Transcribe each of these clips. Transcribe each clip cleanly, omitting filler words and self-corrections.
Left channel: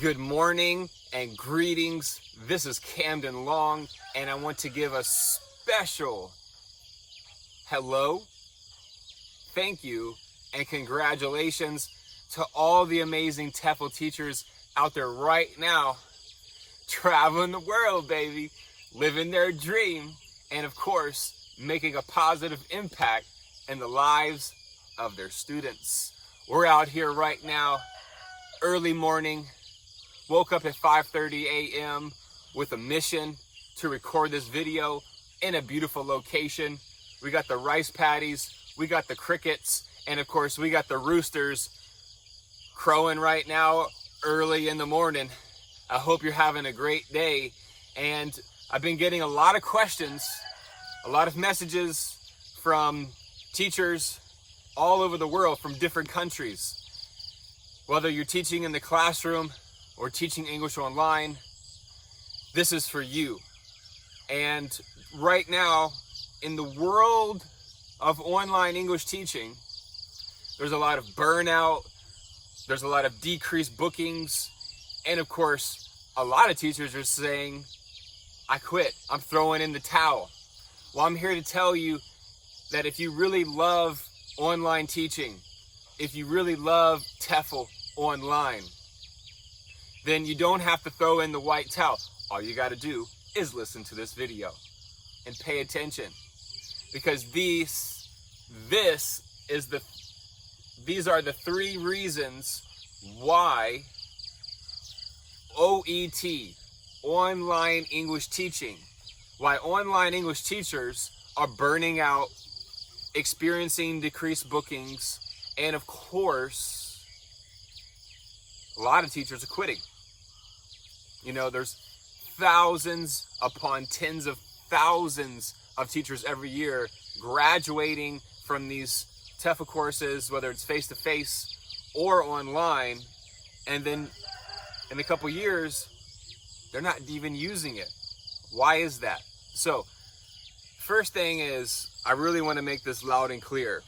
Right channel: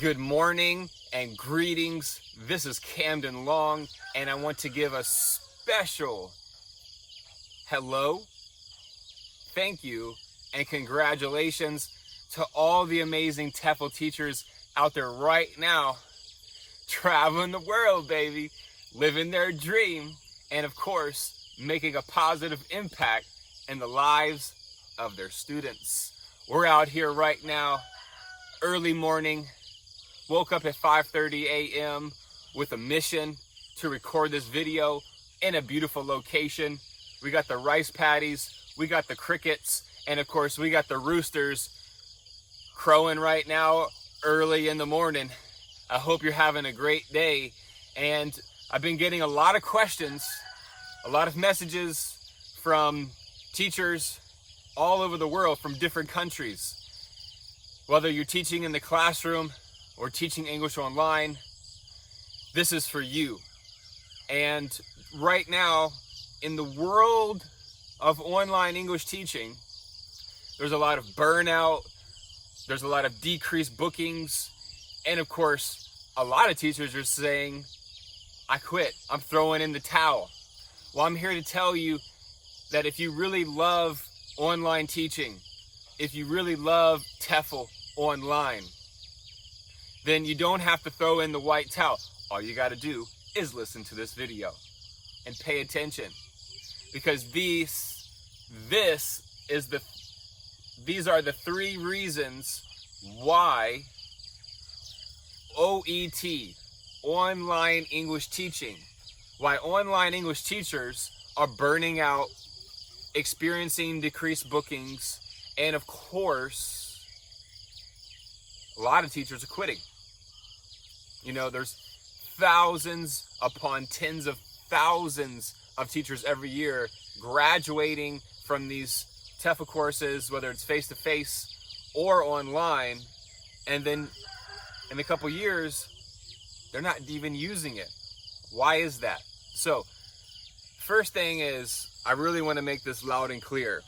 Good morning and greetings. This is Camden Long, and I want to give a special hello, thank you, and congratulations to all the amazing TEFL teachers out there right now, traveling the world, baby, living their dream, and of course, making a positive impact in the lives of their students. We're out here right now, early morning, woke up at 5:30 a.m. with a mission to record this video in a beautiful location. We got the rice paddies, we got the crickets, and of course we got the roosters crowing right now early in the morning. I hope you're having a great day, and I've been getting a lot of questions, a lot of messages from teachers all over the world from different countries. Whether you're teaching in the classroom or teaching English online, this is for you. And right now, in the world of online English teaching, there's a lot of burnout, there's a lot of decreased bookings, and of course, a lot of teachers are saying, I quit, I'm throwing in the towel. Well, I'm here to tell you that if you really love online teaching, if you really love TEFL online, then you don't have to throw in the white towel. All you got to do is listen to this video and pay attention, because these are the three reasons why OET, online English teaching, why online English teachers are burning out, experiencing decreased bookings, and of course, a lot of teachers are quitting. You know, there's thousands upon tens of thousands of teachers every year graduating from these TEFL courses, whether it's face-to-face or online, and then in a couple years, they're not even using it. Why is that? So, first thing is, I really want to make this loud and clear.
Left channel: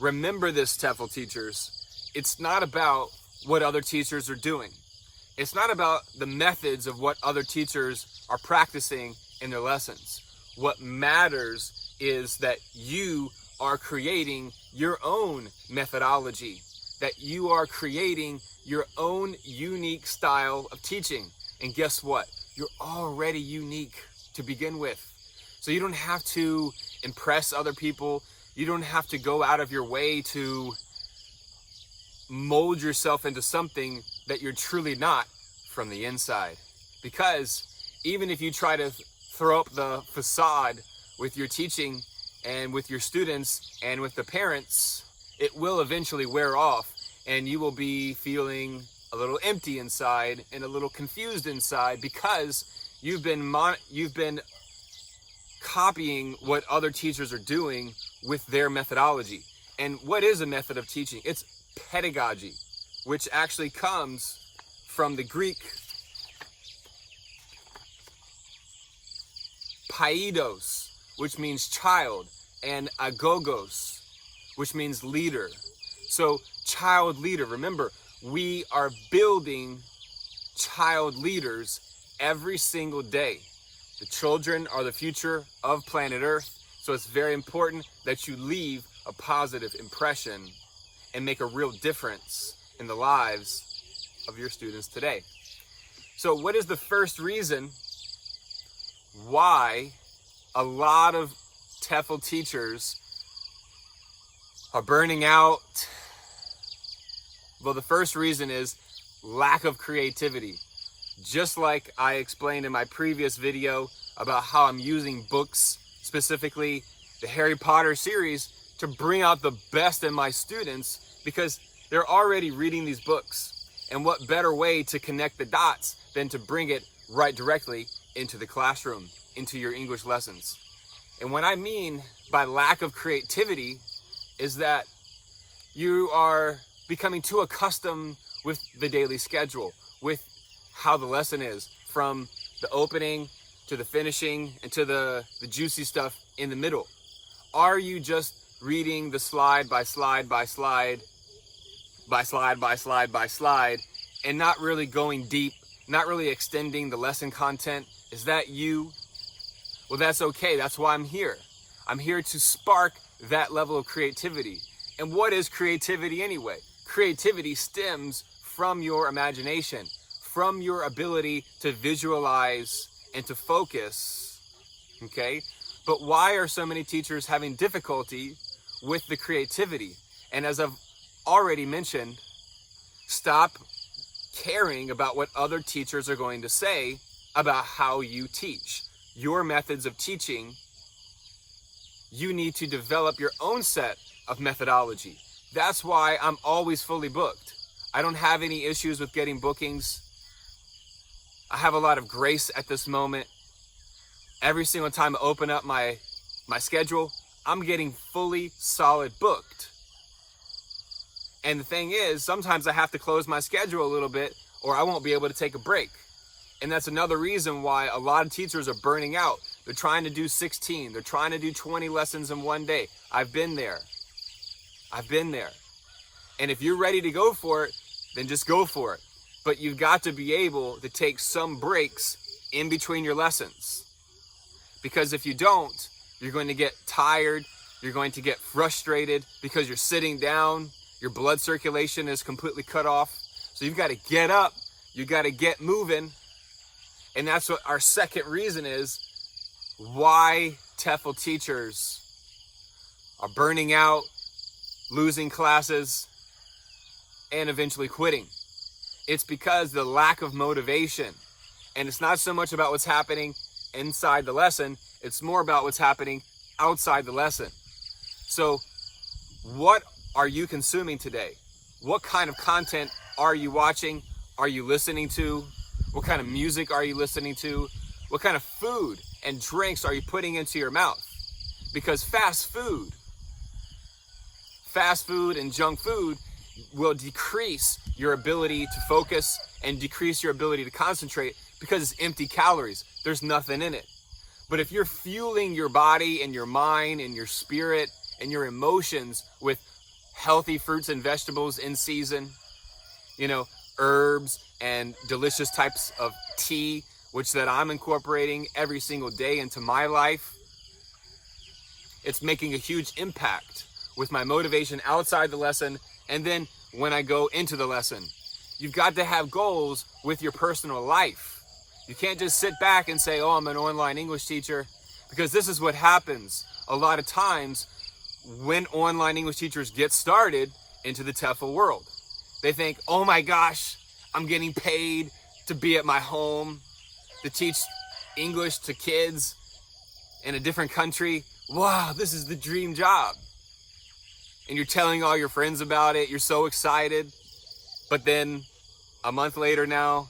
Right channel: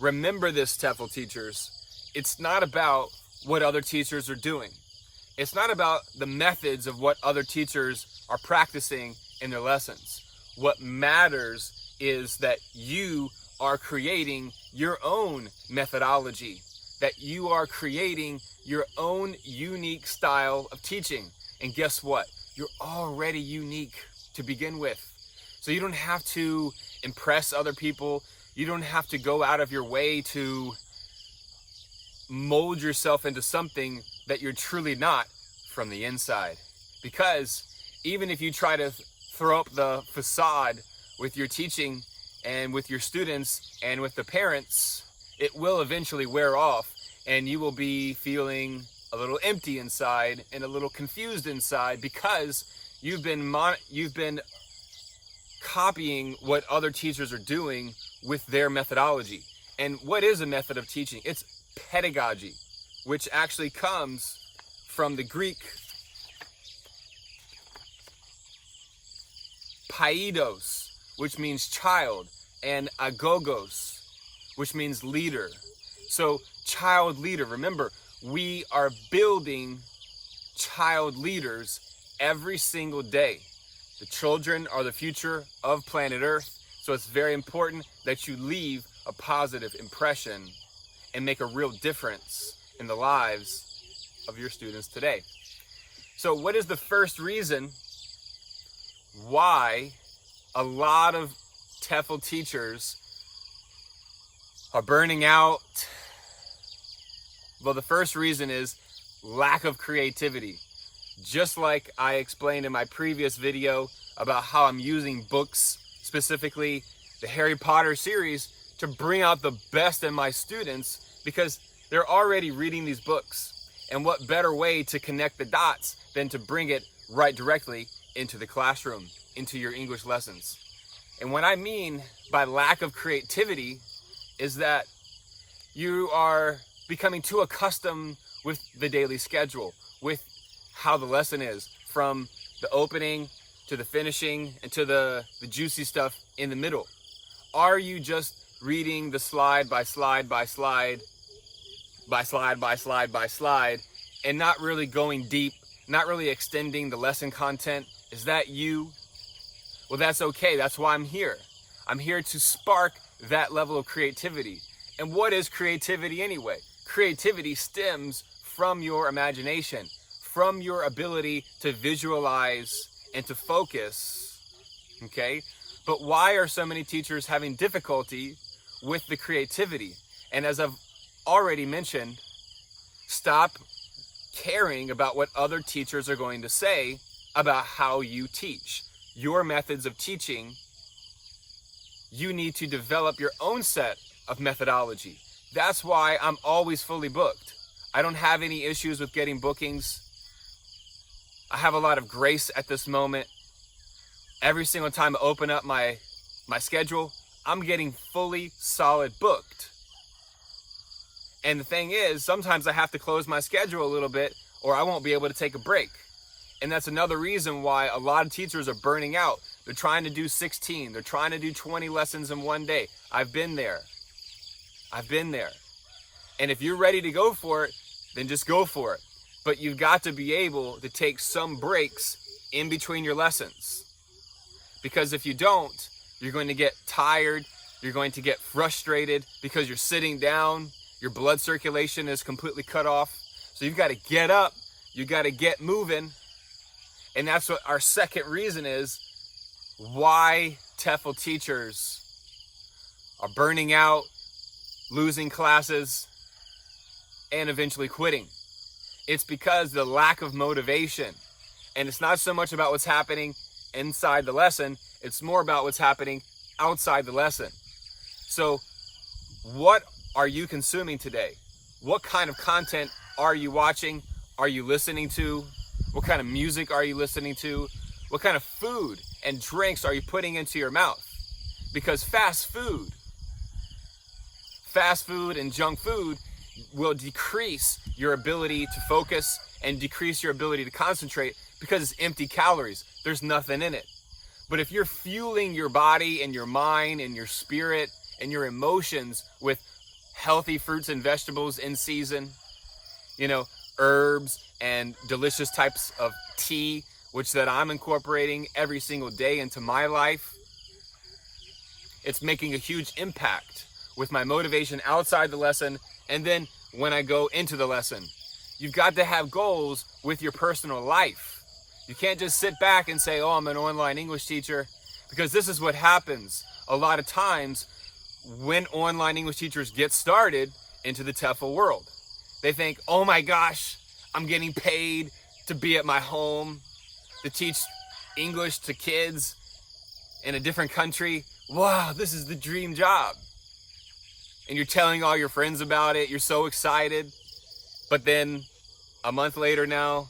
Remember this, TEFL teachers. It's not about what other teachers are doing. It's not about the methods of what other teachers are practicing in their lessons. What matters is that you are creating your own methodology, that you are creating your own unique style of teaching. And guess what? You're already unique to begin with. So you don't have to impress other people. You don't have to go out of your way to mold yourself into something that you're truly not from the inside. Because even if you try to throw up the facade with your teaching and with your students and with the parents, it will eventually wear off, and you will be feeling a little empty inside and a little confused inside, because you've been copying what other teachers are doing with their methodology. And what is a method of teaching? It's pedagogy, which actually comes from the Greek paidos, which means child, and agogos, which means leader. So child leader, remember, we are building child leaders every single day. The children are the future of planet Earth, so it's very important that you leave a positive impression and make a real difference in the lives of your students today. So what is the first reason why a lot of TEFL teachers are burning out? Well, the first reason is lack of creativity. Just like I explained in my previous video about how I'm using books, specifically the Harry Potter series, to bring out the best in my students, because they're already reading these books. And what better way to connect the dots than to bring it right directly into the classroom, into your English lessons. And what I mean by lack of creativity is that you are becoming too accustomed with the daily schedule, with how the lesson is, from the opening to the finishing and to the juicy stuff in the middle. Are you just reading the slide by slide by slide by slide by slide by slide and not really going deep, not really extending the lesson content? Is that you? Well, that's okay. That's why I'm here. I'm here to spark that level of creativity. And what is creativity anyway? Creativity stems from your imagination, from your ability to visualize and to focus, okay? But why are so many teachers having difficulty with the creativity? And as I've already mentioned, stop caring about what other teachers are going to say about how you teach. Your methods of teaching, you need to develop your own set of methodology. That's why I'm always fully booked. I don't have any issues with getting bookings. I have a lot of grace at this moment. Every single time I open up my schedule, I'm getting fully solid booked. And the thing is, sometimes I have to close my schedule a little bit or I won't be able to take a break. And that's another reason why a lot of teachers are burning out. They're trying to do 16. They're trying to do 20 lessons in one day. I've been there. And if you're ready to go for it, then just go for it. But you've got to be able to take some breaks in between your lessons. Because if you don't, you're going to get tired. You're going to get frustrated because you're sitting down. Your blood circulation is completely cut off. So you've got to get up. You've got to get moving. And that's what our second reason is why TEFL teachers are burning out, losing classes, and eventually quitting. It's because the lack of motivation. And it's not so much about what's happening inside the lesson, it's more about what's happening outside the lesson. So what are you consuming today? What kind of content are you watching? Are you listening to? What kind of music are you listening to? What kind of food and drinks are you putting into your mouth? Because fast food and junk food will decrease your ability to focus and decrease your ability to concentrate because it's empty calories. There's nothing in it. But if you're fueling your body and your mind and your spirit and your emotions with healthy fruits and vegetables in season, herbs and delicious types of tea, which that I'm incorporating every single day into my life, it's making a huge impact with my motivation outside the lesson and then when I go into the lesson. You've got to have goals with your personal life. You can't just sit back and say, oh, I'm an online English teacher, because this is what happens a lot of times when online English teachers get started into the TEFL world. They think, oh my gosh, I'm getting paid to be at my home to teach English to kids in a different country. Wow, this is the dream job. And you're telling all your friends about it. You're so excited. But then a month later now,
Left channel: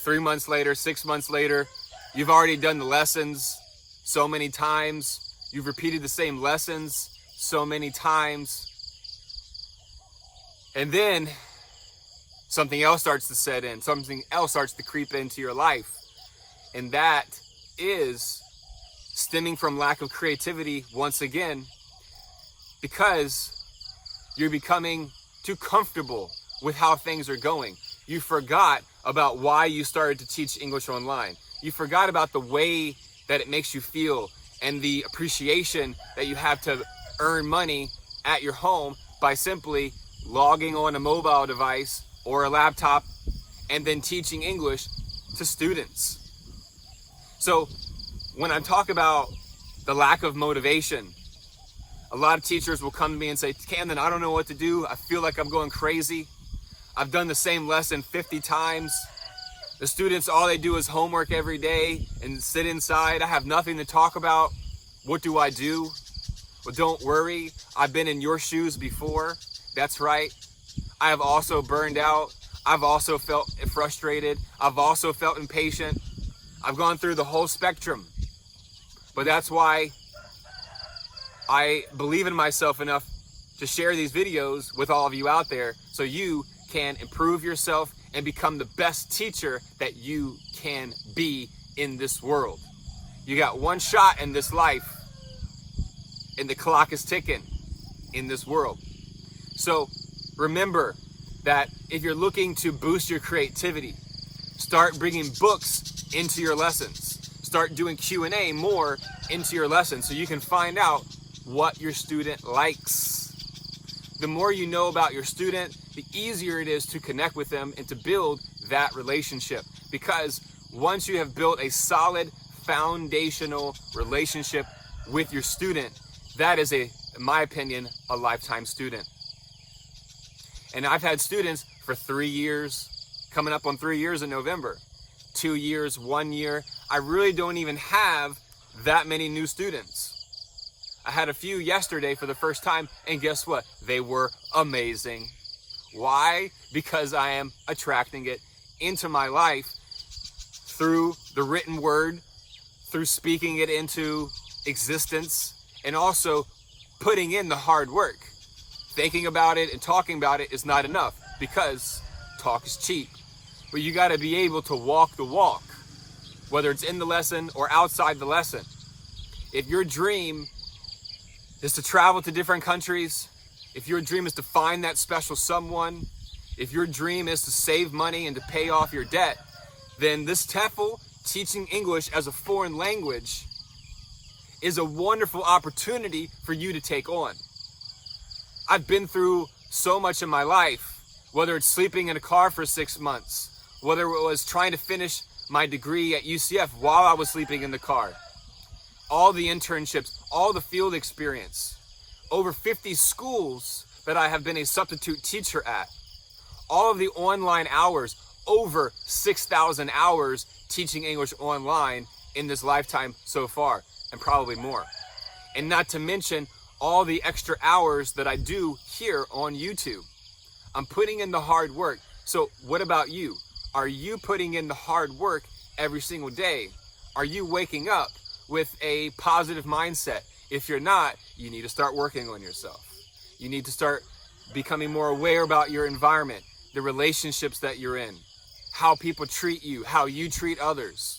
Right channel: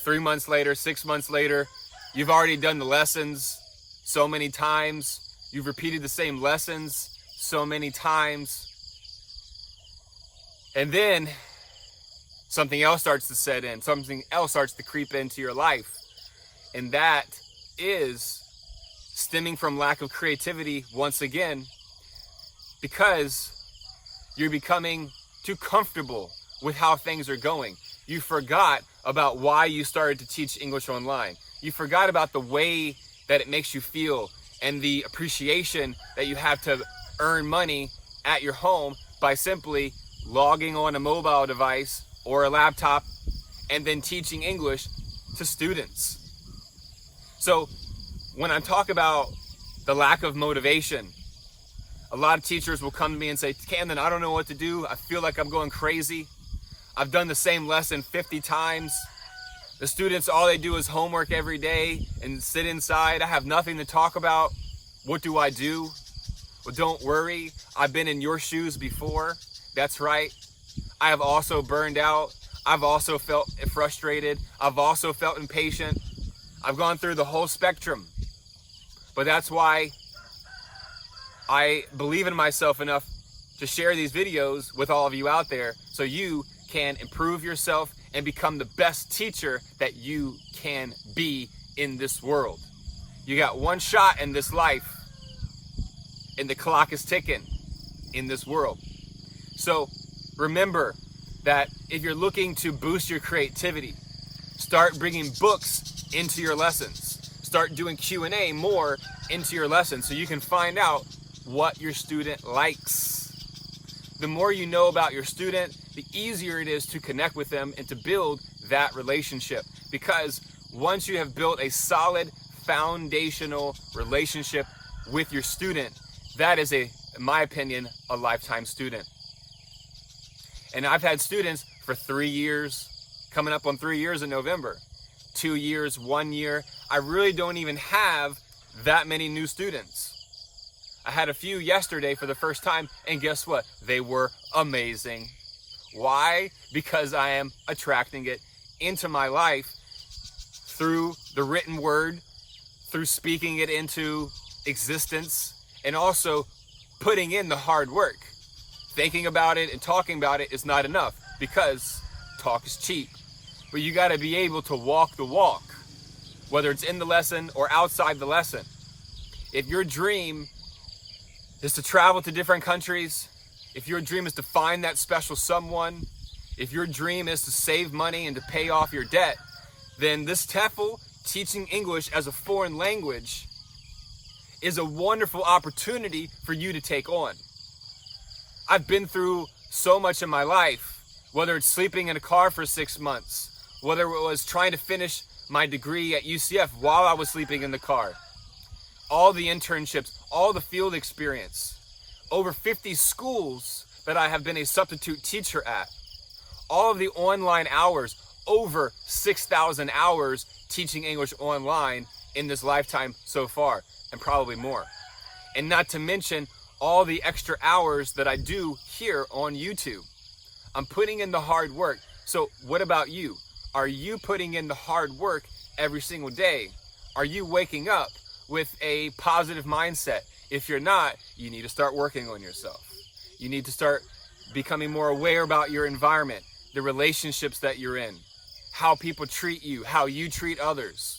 3 months later, 6 months later, you've already done the lessons so many times. You've repeated the same lessons so many times. And then something else starts to set in. Something else starts to creep into your life. And that is stemming from lack of creativity once again, because you're becoming too comfortable with how things are going. You forgot about why you started to teach English online. You forgot about the way that it makes you feel and the appreciation that you have to earn money at your home by simply logging on a mobile device or a laptop and then teaching English to students. So when I talk about the lack of motivation, a lot of teachers will come to me and say, Camden, I don't know what to do. I feel like I'm going crazy. I've done the same lesson 50 times. The students, all they do is homework every day and sit inside. I have nothing to talk about. What do I do? Well, don't worry. I've been in your shoes before. That's right. I have also burned out. I've also felt frustrated. I've also felt impatient. I've gone through the whole spectrum. But that's why I believe in myself enough to share these videos with all of you out there so you can improve yourself and become the best teacher that you can be in this world. You got one shot in this life, and the clock is ticking in this world. So remember, that if you're looking to boost your creativity, start bringing books into your lessons. Start doing Q&A more into your lessons so you can find out what your student likes. The more you know about your student, the easier it is to connect with them and to build that relationship. Because once you have built a solid foundational relationship with your student, that is, in my opinion, a lifetime student. And I've had students for 3 years, coming up on 3 years in November, 2 years, 1 year. I really don't even have that many new students. I had a few yesterday for the first time, and guess what? They were amazing. Why? Because I am attracting it into my life through the written word, through speaking it into existence, and also putting in the hard work. Thinking about it and talking about it is not enough, because talk is cheap. But you got to be able to walk the walk, whether it's in the lesson or outside the lesson. If your dream is to travel to different countries, if your dream is to find that special someone, if your dream is to save money and to pay off your debt, then this TEFL, teaching English as a foreign language, is a wonderful opportunity for you to take on. I've been through so much in my life, whether it's sleeping in a car for 6 months, whether it was trying to finish my degree at UCF while I was sleeping in the car, all the internships, all the field experience, over 50 schools that I have been a substitute teacher at, all of the online hours, over 6,000 hours teaching English online in this lifetime so far, and probably more. And not to mention all the extra hours that I do here on YouTube. I'm putting in the hard work. So what about you? Are you putting in the hard work every single day? Are you waking up with a positive mindset? If you're not, you need to start working on yourself. You need to start becoming more aware about your environment, the relationships that you're in, how people treat you, how you treat others.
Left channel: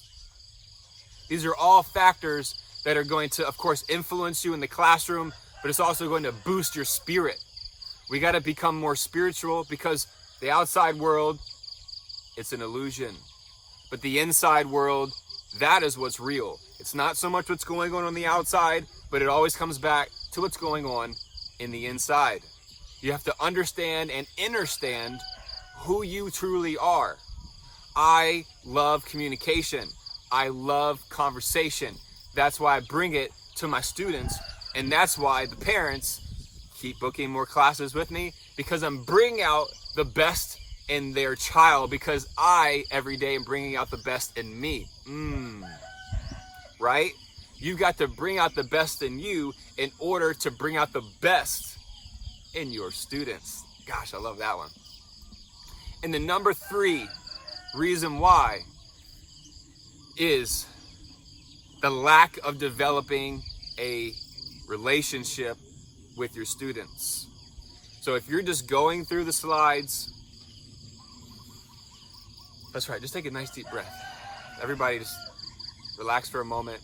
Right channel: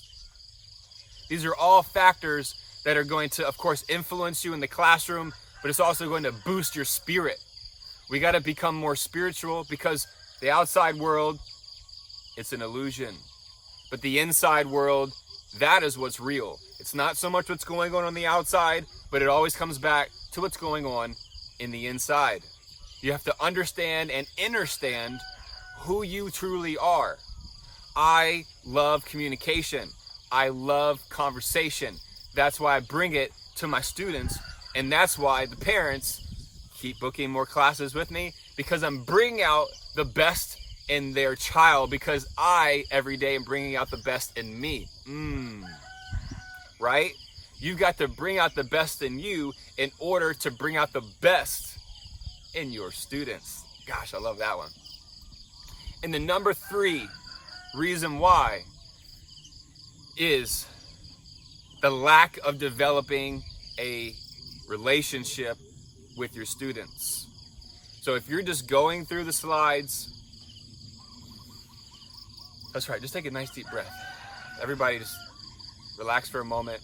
These are all factors that are going to, of course, influence you in the classroom, but it's also going to boost your spirit. We got to become more spiritual, because the outside world, it's an illusion. But the inside world, that is what's real. It's not so much what's going on the outside, but it always comes back to what's going on in the inside. You have to understand and understand who you truly are. I love communication. I love conversation. That's why I bring it to my students, and that's why the parents keep booking more classes with me, because I'm bringing out the best in their child, because I, every day, am bringing out the best in me. Right? You've got to bring out the best in you in order to bring out the best in your students. Gosh, I love that one. And the number 3 reason why is the lack of developing a relationship with your students. So if you're just going through the slides, that's right, just take a nice deep breath. Everybody just relax for a moment.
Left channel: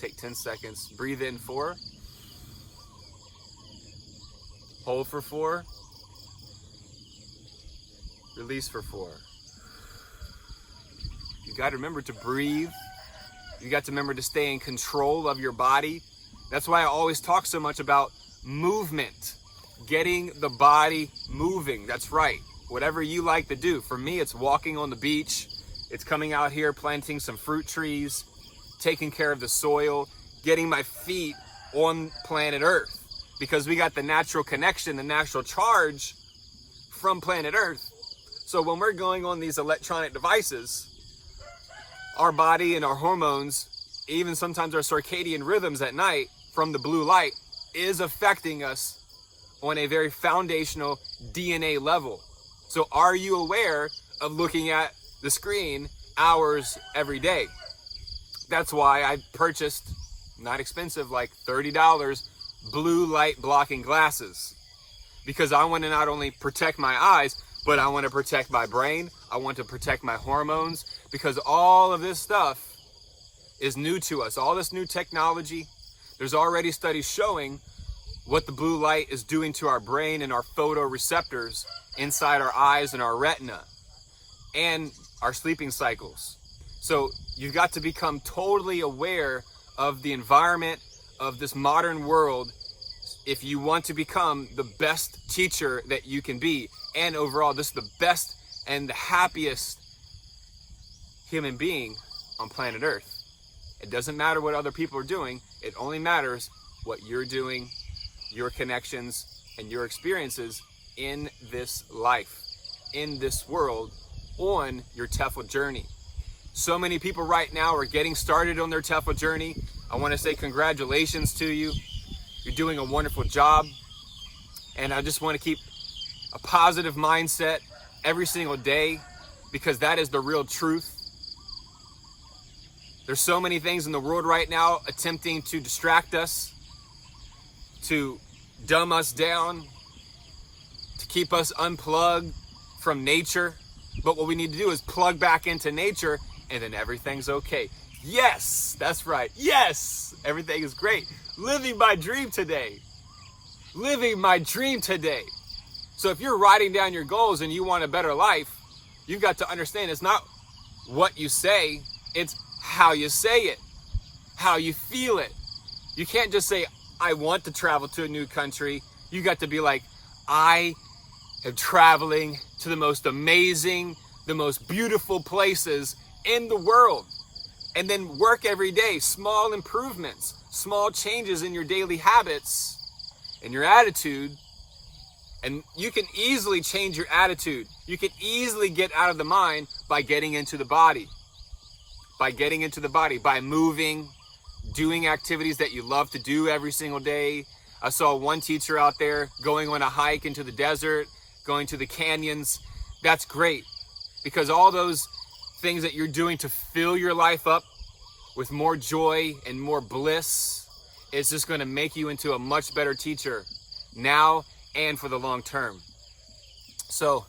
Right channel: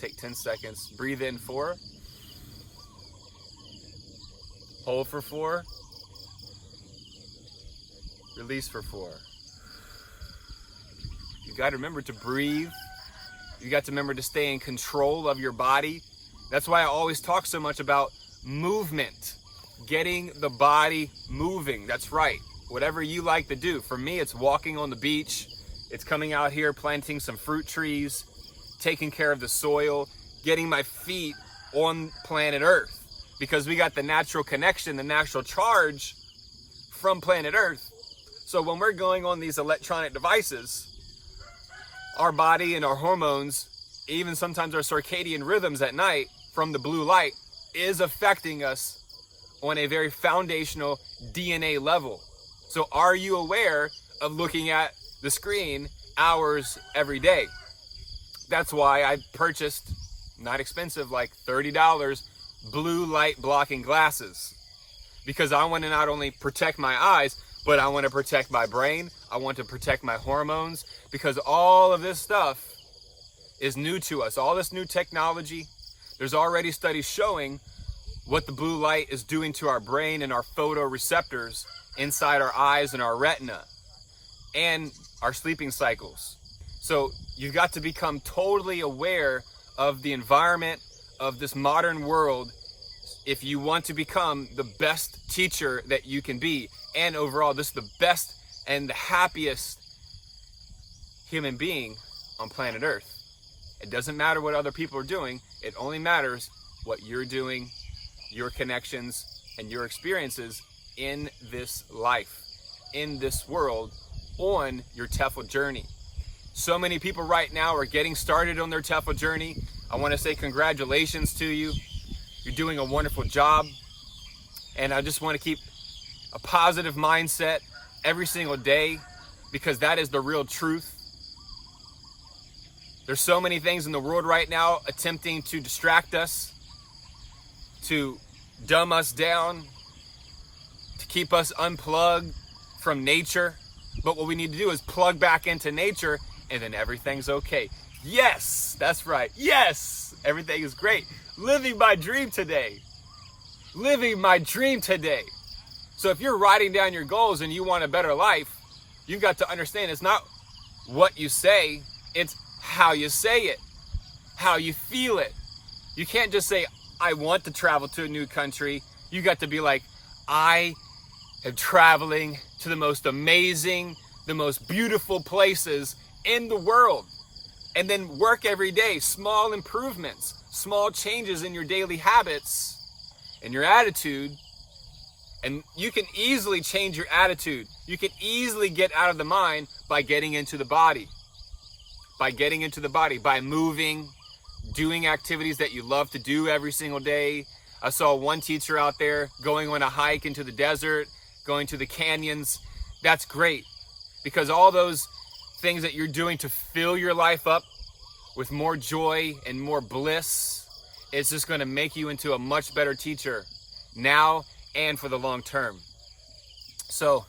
Take 10 seconds. Breathe in 4. Hold for 4. Release for 4. You got to remember to breathe. You got to remember to stay in control of your body. That's why I always talk so much about movement, getting the body moving. That's right. Whatever you like to do. For me, it's walking on the beach. It's coming out here, planting some fruit trees, taking care of the soil, getting my feet on planet Earth, because we got the natural connection, the natural charge from planet Earth. So when we're going on these electronic devices, our body and our hormones, even sometimes our circadian rhythms at night from the blue light, is affecting us on a very foundational DNA level. So are you aware of looking at the screen hours every day? That's why I purchased, not expensive, like $30, blue light blocking glasses. Because I want to not only protect my eyes, but I want to protect my brain. I want to protect my hormones, because all of this stuff is new to us. All this new technology, there's already studies showing what the blue light is doing to our brain and our photoreceptors inside our eyes and our retina and our sleeping cycles. So you've got to become totally aware of the environment of this modern world if you want to become the best teacher that you can be, and overall this is the best and the happiest human being on planet Earth. It doesn't matter what other people are doing. It only matters what you're doing, your connections, and your experiences in this life, in this world, on your TEFL journey. So many people right now are getting started on their TEFL journey. I want to say congratulations to you. You're doing a wonderful job. And I just want to keep a positive mindset every single day, because that is the real truth. There's so many things in the world right now attempting to distract us, to dumb us down, to keep us unplugged from nature. But what we need to do is plug back into nature, and then everything's okay. Yes, that's right. Yes, everything is great. Living my dream today. Living my dream today. So if you're writing down your goals and you want a better life, you've got to understand it's not what you say, it's how you say it, how you feel it. You can't just say, I want to travel to a new country. You got to be like, I am traveling to the most amazing, the most beautiful places in the world. And then work every day, small improvements, small changes in your daily habits and your attitude. And you can easily change your attitude. You can easily get out of the mind by getting into the body. By getting into the body, by moving, doing activities that you love to do every single day. I saw one teacher out there going on a hike into the desert, going to the canyons. That's great, because all those things that you're doing to fill your life up with more joy and more bliss, it's just going to make you into a much better teacher now and for the long term. So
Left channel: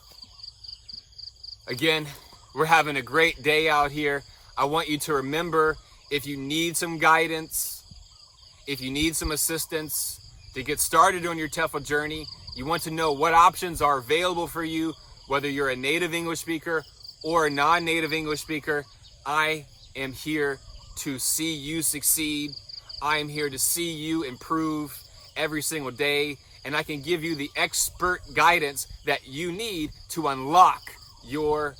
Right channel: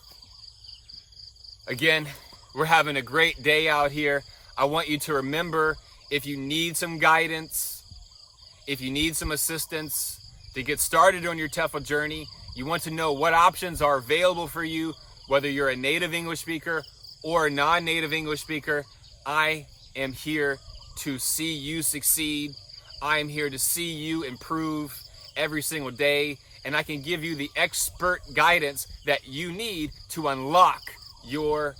again, we're having a great day out here. I want you to remember, if you need some guidance, if you need some assistance to get started on your TEFL journey, you want to know what options are available for you, whether you're a native English speaker or a non-native English speaker. I am here to see you succeed. I am here to see you improve every single day, and I can give you the expert guidance that you need to unlock your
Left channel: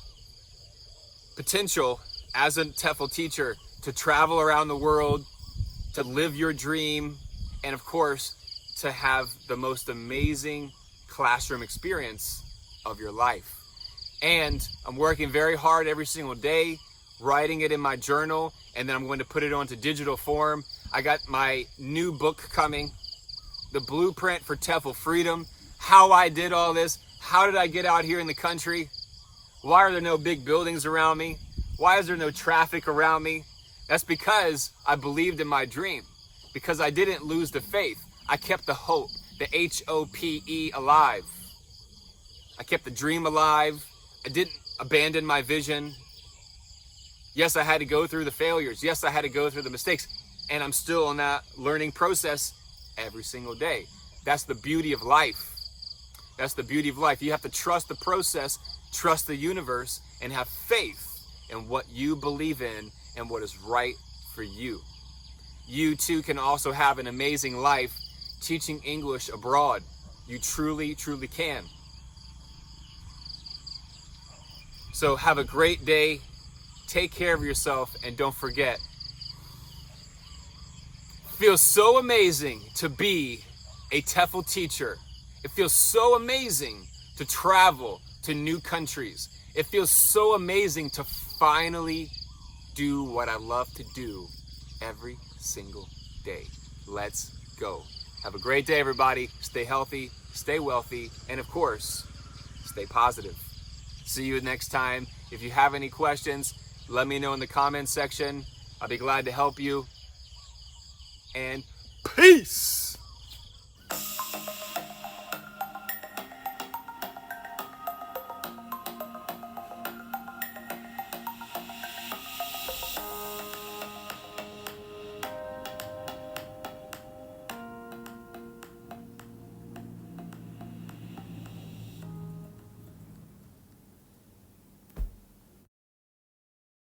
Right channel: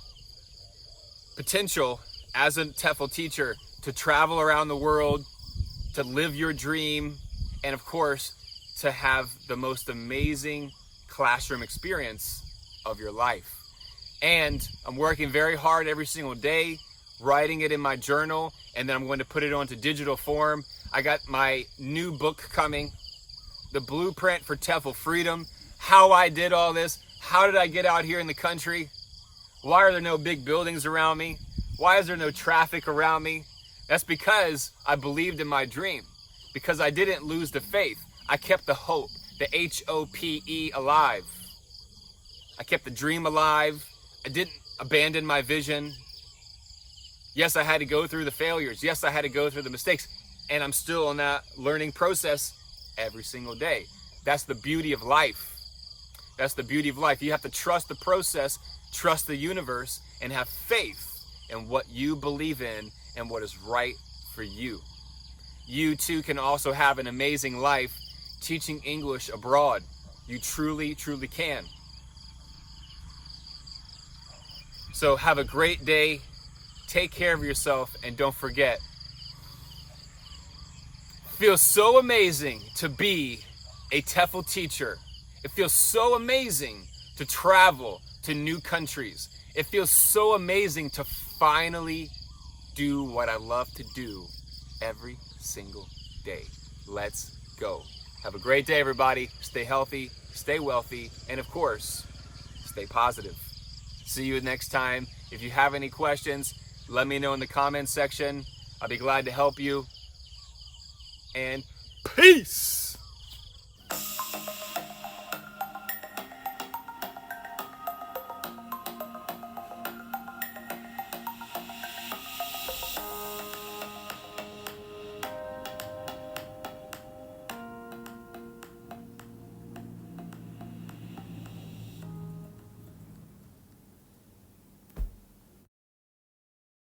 potential as a TEFL teacher, to travel around the world, to live your dream, and of course, to have the most amazing classroom experience of your life. And I'm working very hard every single day, writing it in my journal, and then I'm going to put it onto digital form. I got my new book coming, The Blueprint for TEFL Freedom. How I did all this. How did I get out here in the country? Why are there no big buildings around me? Why is there no traffic around me? That's because I believed in my dream, because I didn't lose the faith. I kept the hope, the HOPE, alive. I kept the dream alive. I didn't abandon my vision. Yes, I had to go through the failures. Yes, I had to go through the mistakes, and I'm still on that learning process every single day. That's the beauty of life. That's the beauty of life. You have to trust the process, trust the universe, and have faith in what you believe in and what is right for you. You too can also have an amazing life teaching English abroad. You truly, truly can. So have a great day. Take care of yourself, and don't forget, it feels so amazing to be a TEFL teacher. It feels so amazing to travel to new countries. It feels so amazing to finally do what I love to do every single day. Let's go. Have a great day, everybody. Stay healthy, stay wealthy, and of course, stay positive. See you next time. If you have any questions, let me know in the comments section. I'll be glad to help you. And peace!